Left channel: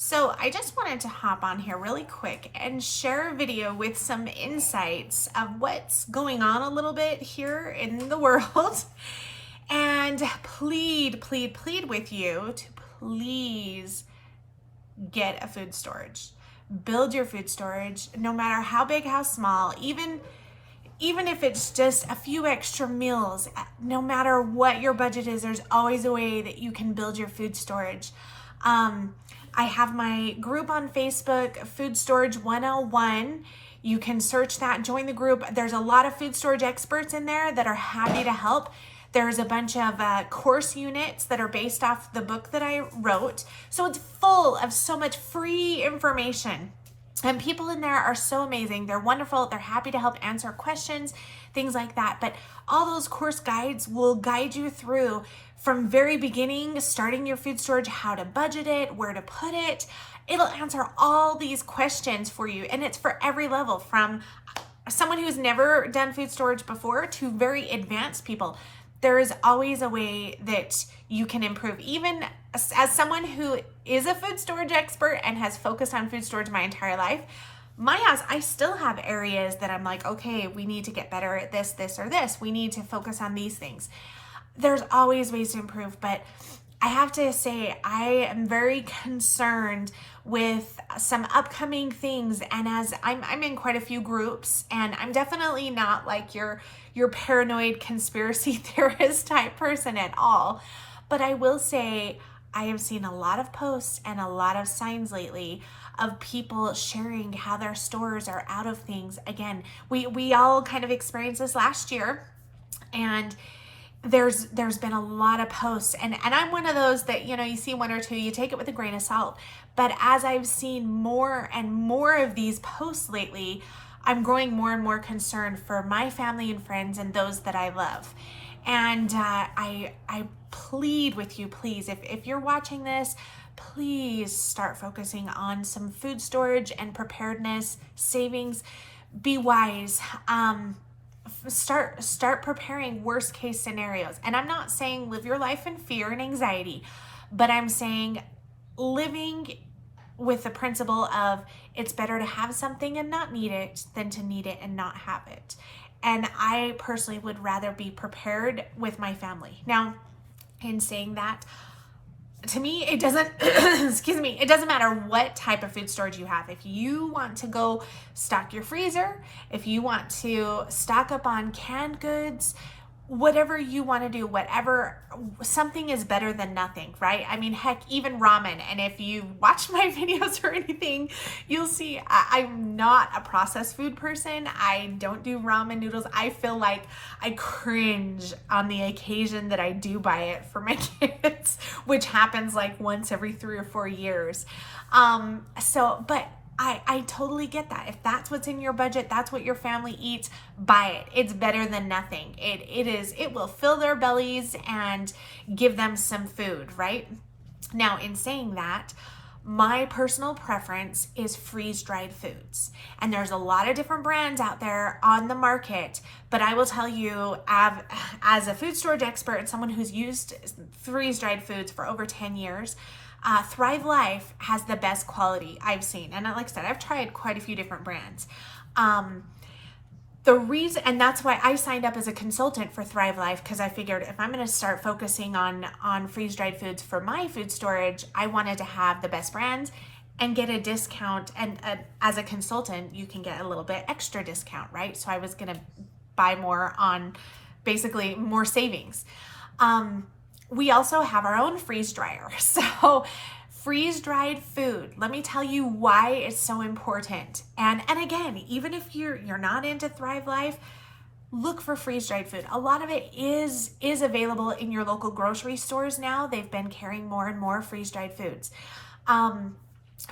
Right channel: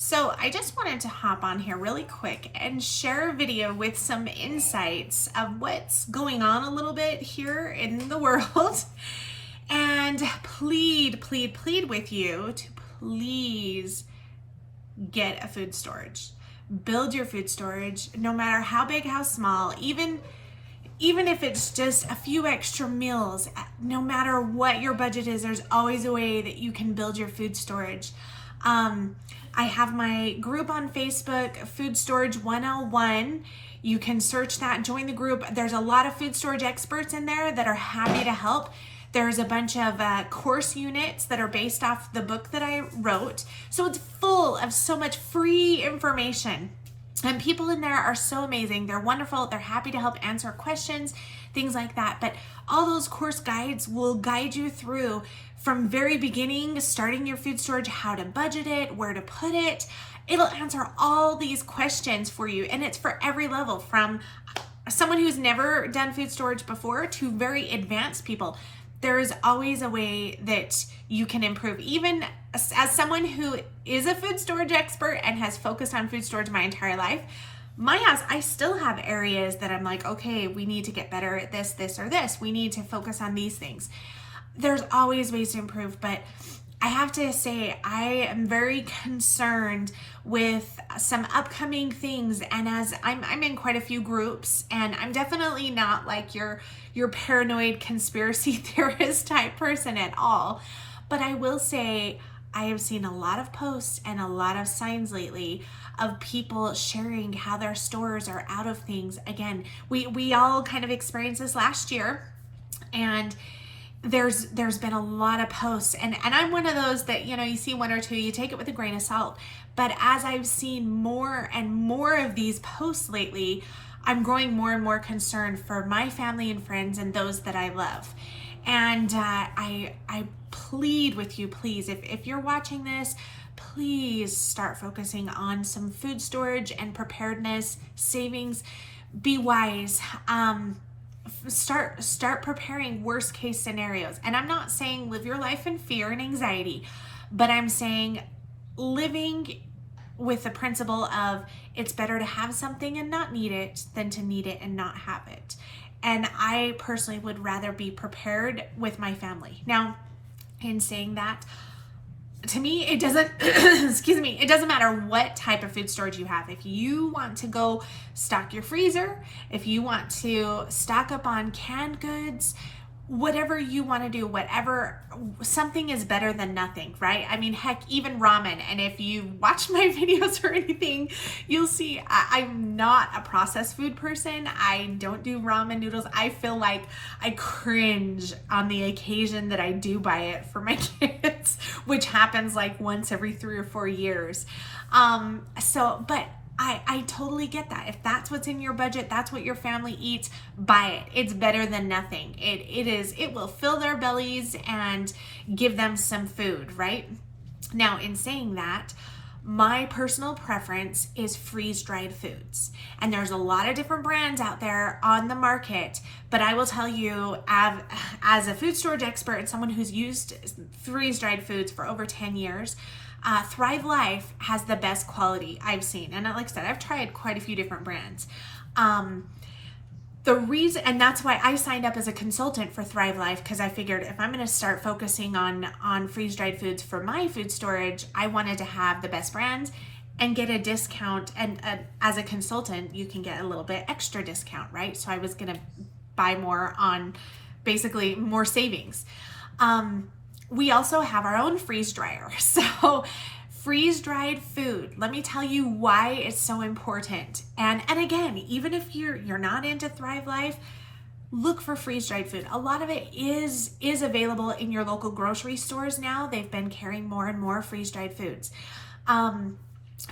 So I just wanted to hop on here really quick and share a video with some insights of what's going on a little bit here in the world and plead with you to please get a food storage. Build your food storage, no matter how big, how small, even if it's just a few extra meals, no matter what your budget is, there's always a way that you can build your food storage. I have my group on Facebook, Food Storage 101. You can search that, join the group. There's a lot of food storage experts in there that are happy to help. There's a bunch of course units that are based off the book that I wrote. So it's full of so much free information. And people in there are so amazing. They're wonderful. They're happy to help answer questions, things like that. But all those course guides will guide you through from very beginning, starting your food storage, how to budget it, where to put it. It'll answer all these questions for you. And it's for every level, from someone who's never done food storage before to very advanced people. There is always a way that you can improve. Even as someone who is a food storage expert and has focused on food storage my entire life, my house, I still have areas that I'm like, okay, we need to get better at this, or this. We need to focus on these things. There's always ways to improve, but I have to say, I am very concerned with some upcoming things. And as I'm in quite a few groups, and I'm definitely not like your paranoid conspiracy theorist type person at all. But I will say, I have seen a lot of posts and a lot of signs lately of people sharing how their stores are out of things. Again, we all kind of experienced this last year, and there's been a lot of posts, and I'm one of those that, you see one or two, you take it with a grain of salt. But as I've seen more and more of these posts lately, I'm growing more and more concerned for my family and friends and those that I love. And I plead with you, please, if you're watching this, please start focusing on some food storage and preparedness, savings. Be wise. Start preparing worst case scenarios. And I'm not saying live your life in fear and anxiety, but I'm saying living with the principle of it's better to have something and not need it than to need it and not have it. And I personally would rather be prepared with my family. Now, in saying that, to me, it doesn't, it doesn't matter what type of food storage you have. If you want to go stock your freezer, if you want to stock up on canned goods, whatever you want to do, something is better than nothing, right? I mean, heck, even ramen. And if you watch my videos or anything, you'll see I'm not a processed food person. I don't do ramen noodles. I feel like I cringe on the occasion that I do buy it for my kids, which happens like once every 3 or 4 years. But I totally get that. If that's what's in your budget, that's what your family eats, buy it. It's better than nothing. It will fill their bellies and give them some food, right? Now, in saying that, my personal preference is freeze-dried foods. And there's a lot of different brands out there on the market, but I will tell you, as a food storage expert and someone who's used freeze-dried foods for over 10 years, Thrive Life has the best quality I've seen. And like I said, I've tried quite a few different brands. The reason, and that's why I signed up as a consultant for Thrive Life, because I figured if I'm going to start focusing on freeze-dried foods for my food storage, I wanted to have the best brands and get a discount. And as a consultant, you can get a little bit extra discount, right? So I was going to buy more on basically more savings. We also have our own freeze dryer. So freeze-dried food, let me tell you why it's so important. And again, even if you're not into Thrive Life, look for freeze-dried food. A lot of it is available in your local grocery stores now. They've been carrying more and more freeze-dried foods.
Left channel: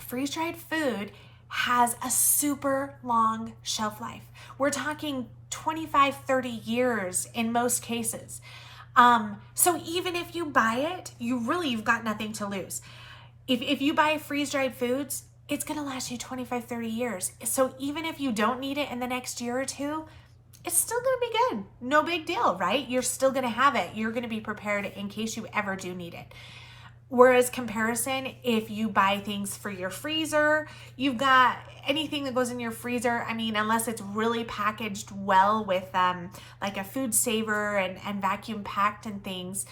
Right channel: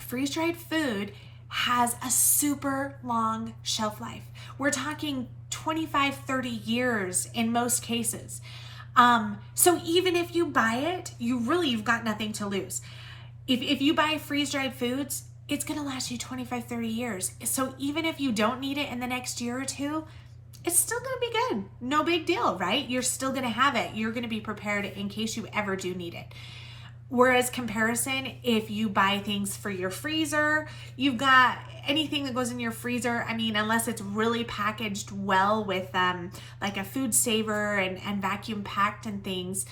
Freeze-dried food has a super long shelf life. We're talking 25, 30 years in most cases. So even if you buy it, you've got nothing to lose. If you buy freeze-dried foods, it's going to last you 25, 30 years. So even if you don't need it in the next year or two, it's still going to be good. No big deal, right? You're still going to have it. You're going to be prepared in case you ever do need it. Whereas comparison, if you buy things for your freezer, you've got anything that goes in your freezer, I mean, unless it's really packaged well with like a food saver and vacuum packed and things,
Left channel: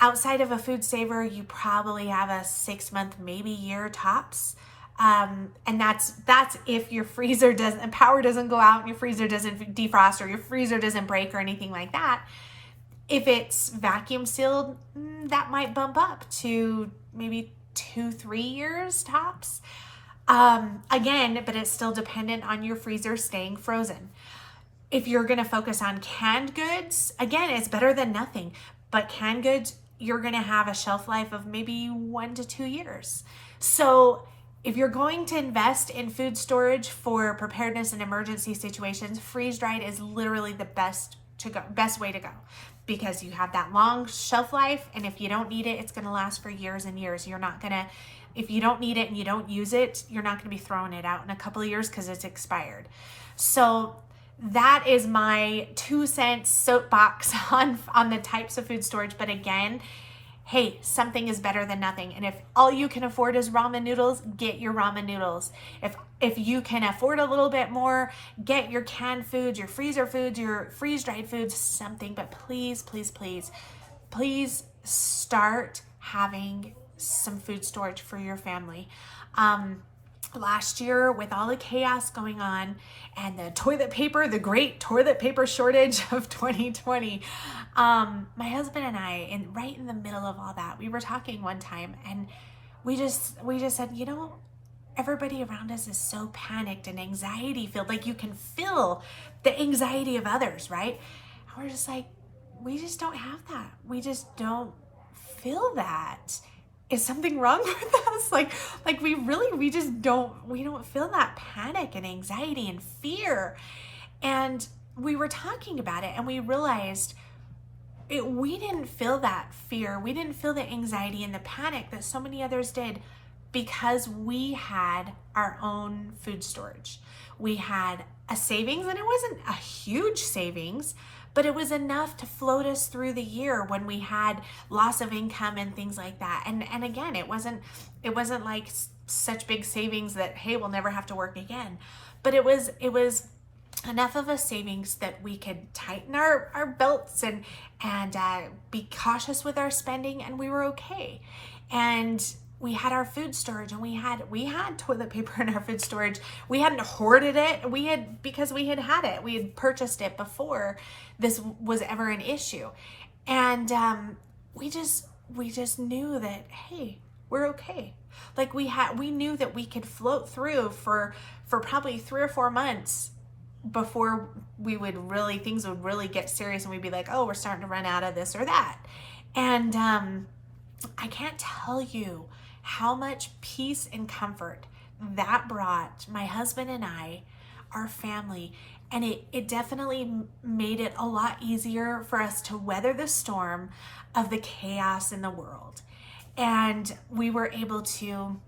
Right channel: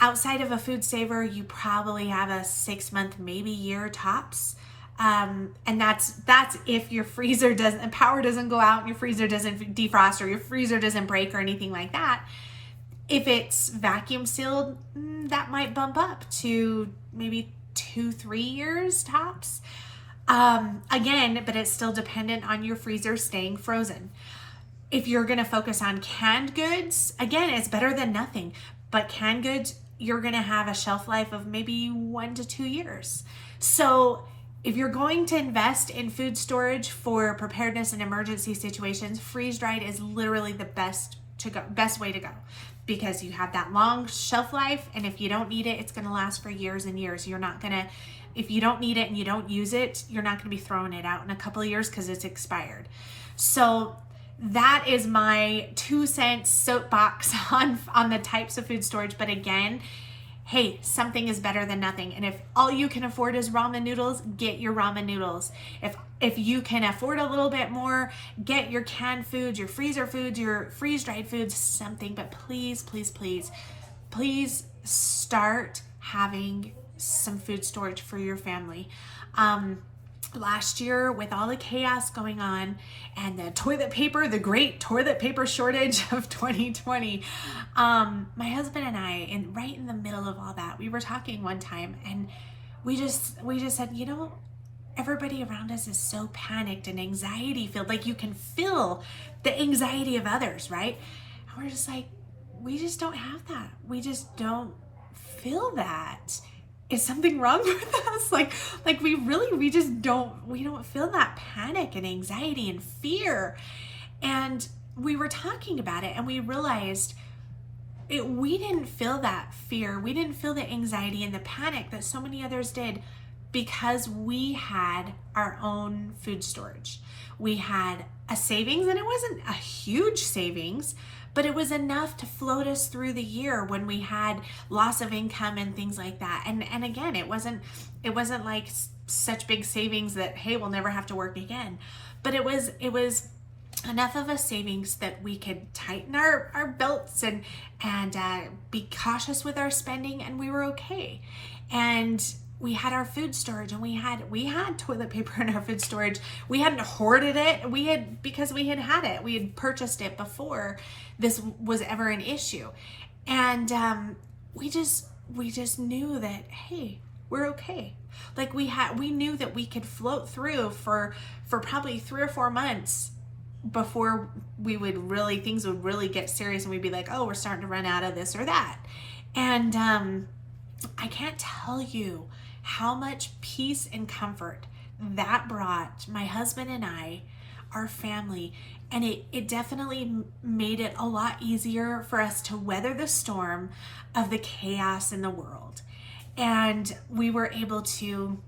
outside of a food saver, you probably have a 6-month, maybe year tops. And that's if your freezer doesn't, power doesn't go out and your freezer doesn't defrost or your freezer doesn't break or anything like that. If it's vacuum sealed, that might bump up to maybe 2-3 years tops. Again, but it's still dependent on your freezer staying frozen. If you're going to focus on canned goods, again, it's better than nothing. But canned goods, you're going to have a shelf life of maybe 1 to 2 years. So if you're going to invest in food storage for preparedness and emergency situations, freeze-dried is literally the best way to go, because you have that long shelf life, and if you don't need it, it's going to last for years and years. You're not going to, if you don't need it and you don't use it, you're not going to be throwing it out in a couple of years because it's expired. So that is my 2 cent soapbox on the types of food storage. But again, hey, something is better than nothing. And if all you can afford is ramen noodles, get your ramen noodles. If you can afford a little bit more, get your canned foods, your freezer foods, your freeze-dried foods, something. But please, please, please, please start having some food storage for your family. Last year, with all the chaos going on and the toilet paper, the great toilet paper shortage of 2020, my husband and I, right in the middle of all that, we were talking one time, and we just said, you know, everybody around us is so panicked and anxiety filled. Like, you can feel the anxiety of others, right? And we're just like, we just don't have that. We just don't feel that. Is something wrong with us? Like we don't feel that panic and anxiety and fear. And we were talking about it, and we realized we didn't feel that fear. We didn't feel the anxiety and the panic that so many others did, because we had our own food storage. We had a savings, and it wasn't a huge savings, but it was enough to float us through the year when we had loss of income and things like that. And again, it wasn't like such big savings that, hey, we'll never have to work again. But it was enough of a savings that we could tighten our belts and be cautious with our spending, and we were okay. And we had our food storage, and we had toilet paper in our food storage. We hadn't hoarded it. Because we had it. We had purchased it before this was ever an issue. And we just knew that, hey, we're okay. Like, we knew that we could float through for probably 3 or 4 months before things would really get serious, and we'd be like, oh, we're starting to run out of this or that. And I can't tell you how much peace and comfort that brought my husband and I, our family. And it definitely made it a lot easier for us to weather the storm of the chaos in the world. And we were able to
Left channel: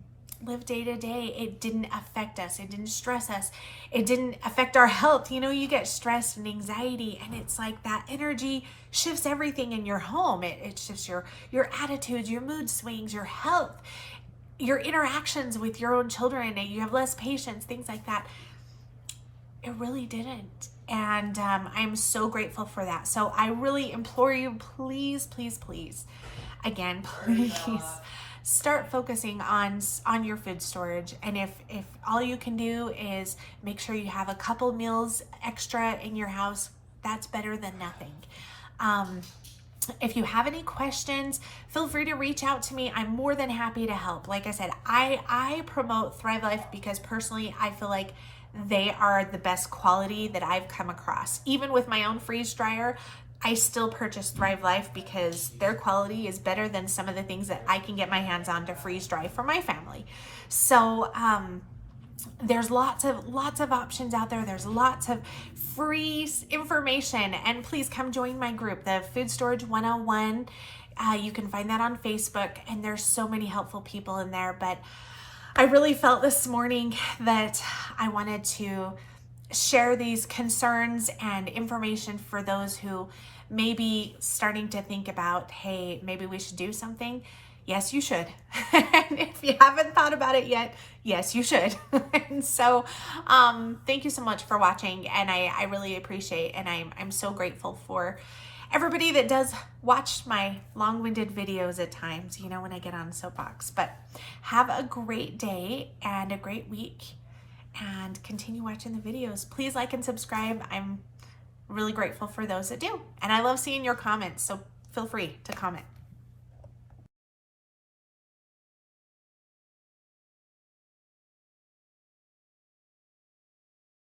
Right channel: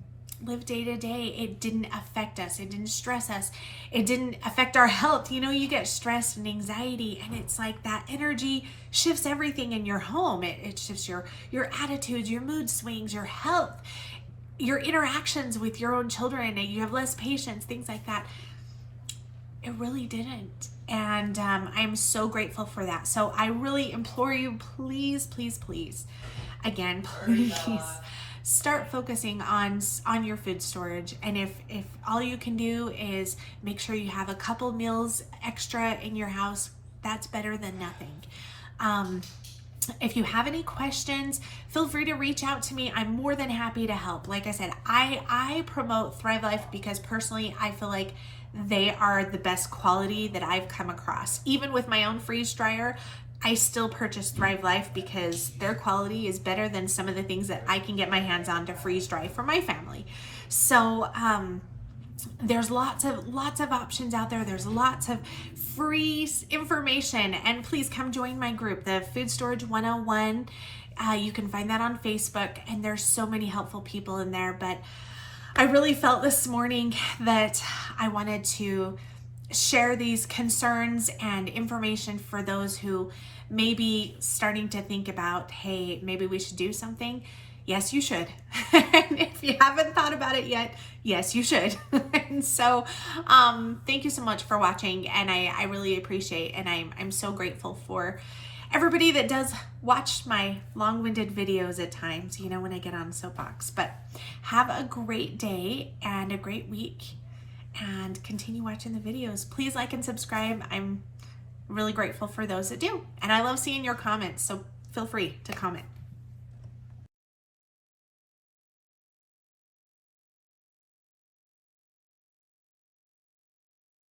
live day to day. It didn't affect us. It didn't stress us. It didn't affect our health. You know, you get stressed and anxiety, and it's like that energy shifts everything in your home. It shifts your attitudes, your mood swings, your health, your interactions with your own children, and you have less patience, things like that. It really didn't. And I'm so grateful for that. So I really implore you, please, please, please, again, please start focusing on your food storage. And if all you can do is make sure you have a couple meals extra in your house, that's better than nothing. If you have any questions, feel free to reach out to me. I'm more than happy to help. Like I said, I promote Thrive Life because personally I feel like they are the best quality that I've come across. Even with my own freeze dryer, I still purchase Thrive Life because their quality is better than some of the things that I can get my hands on to freeze dry for my family. So there's lots of options out there. There's lots of free information, and please come join my group, the Food Storage 101. You can find that on Facebook, and there's so many helpful people in there. But I really felt this morning that I wanted to share these concerns and information for those who may be starting to think about, hey, maybe we should do something. Yes, you should. And if you haven't thought about it yet, yes, you should. And so thank you so much for watching, and I really appreciate, and I'm so grateful for everybody that does watch my long-winded videos at times, you know, when I get on soapbox. But have a great day and a great week, and continue watching the videos. Please like and subscribe. I'm really grateful for those that do. And I love seeing your comments, so feel free to comment.